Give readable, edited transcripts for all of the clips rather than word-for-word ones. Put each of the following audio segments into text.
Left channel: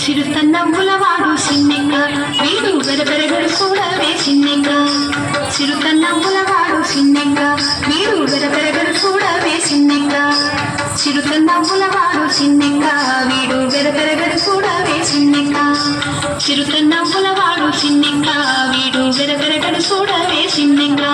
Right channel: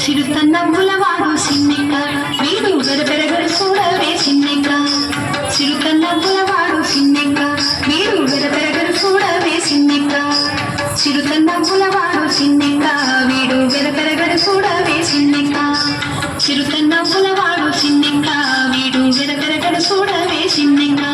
చిరుతన్నములవాడు సిన్నెక్క వీడు వెరపెరగడు చూడవే సిన్నెక్క చిరుతన్నములవాడు సిన్నెక్క వీడు వెరపెరగడు చూడవే సిన్నెక్క చిరుతన్నములవాడు సిన్నెక్క వీడు వెరపెరగడు చూడవే సిన్నెక్క చిరుతన్నములవాడు సిన్నెక్క వీడు వెరపెరగడు చూడవే సిన్నెక్క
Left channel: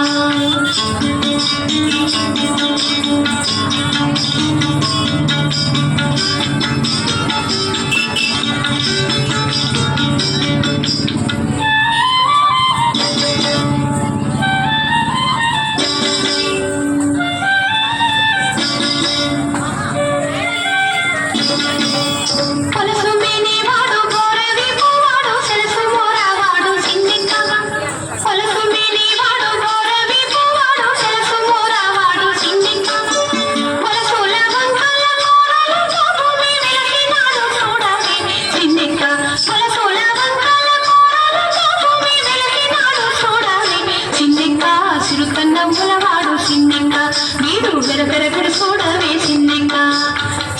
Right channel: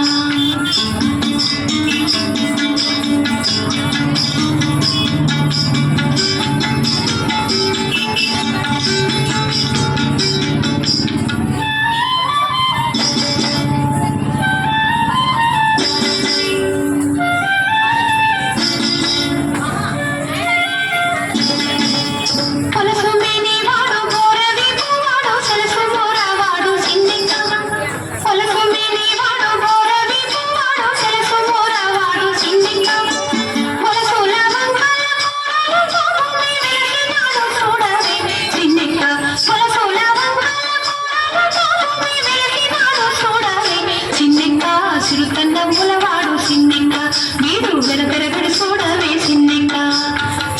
చిరుతన్నములవాడు సిన్నెక్క వీడు వెరపెరగడు చూడవే సిన్నెక్క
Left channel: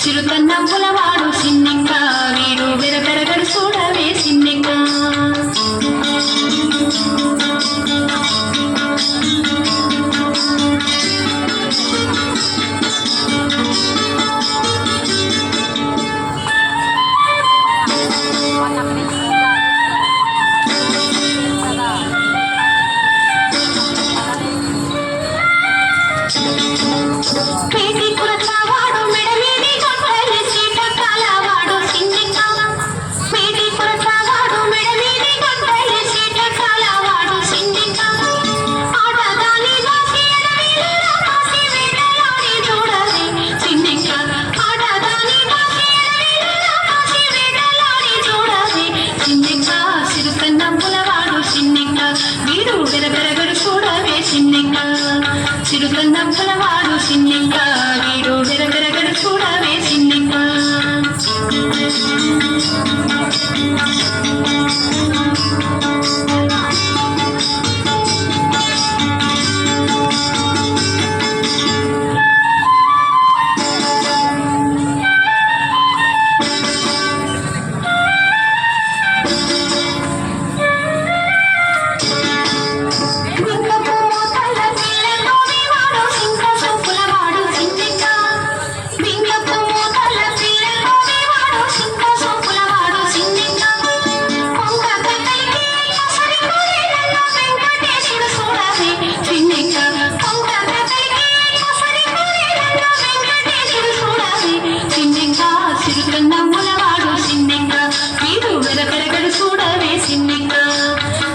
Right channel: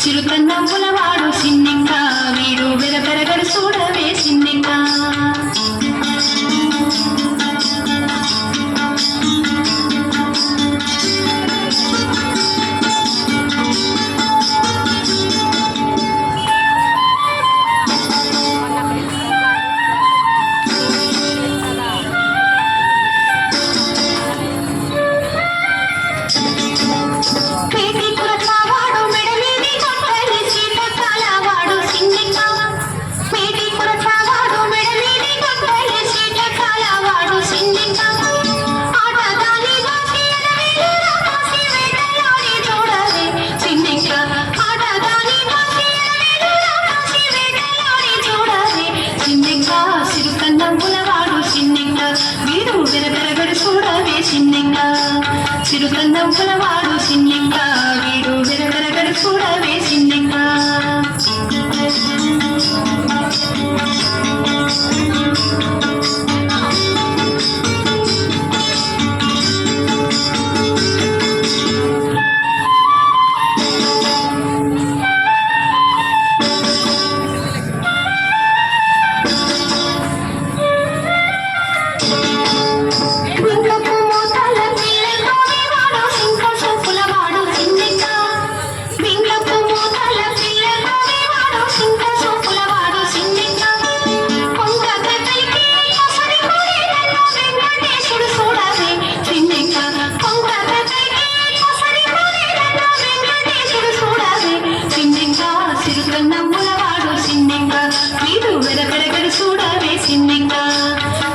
చిరుతన్నములవాడు సిన్నెక్క వీడు వెరపెరగడు చూడవే సిన్నెక్క చిరుతన్నములవాడు సిన్నెక్క వీడు వెరపెరగడు చూడవే సిన్నెక్క చిరుతన్నములవాడు సిన్నెక్క వీడు వెరపెరగడు చూడవే సిన్నెక్క చిరుతన్నములవాడు సిన్నెక్క వీడు వెరపెరగడు చూడవే సిన్నెక్క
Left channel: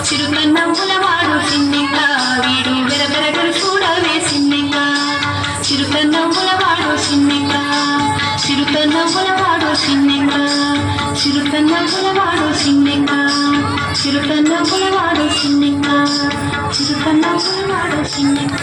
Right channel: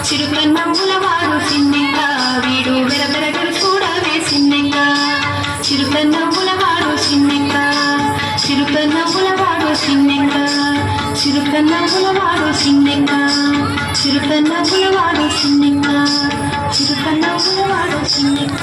చిరుతన్నములవాడు సిన్నెక్క వీడు వెరపెరగడు చూడవే సిన్నెక్క చిరుతన్నములవాడు సిన్నెక్క చిరుతన్నములవాడు సిన్నెక్క చిరుతన్నములవాడు సిన్నెక్క చిరుతన్నములవాడు సిన్నెక్క చిరుతన్నములవాడు సిన్నెక్క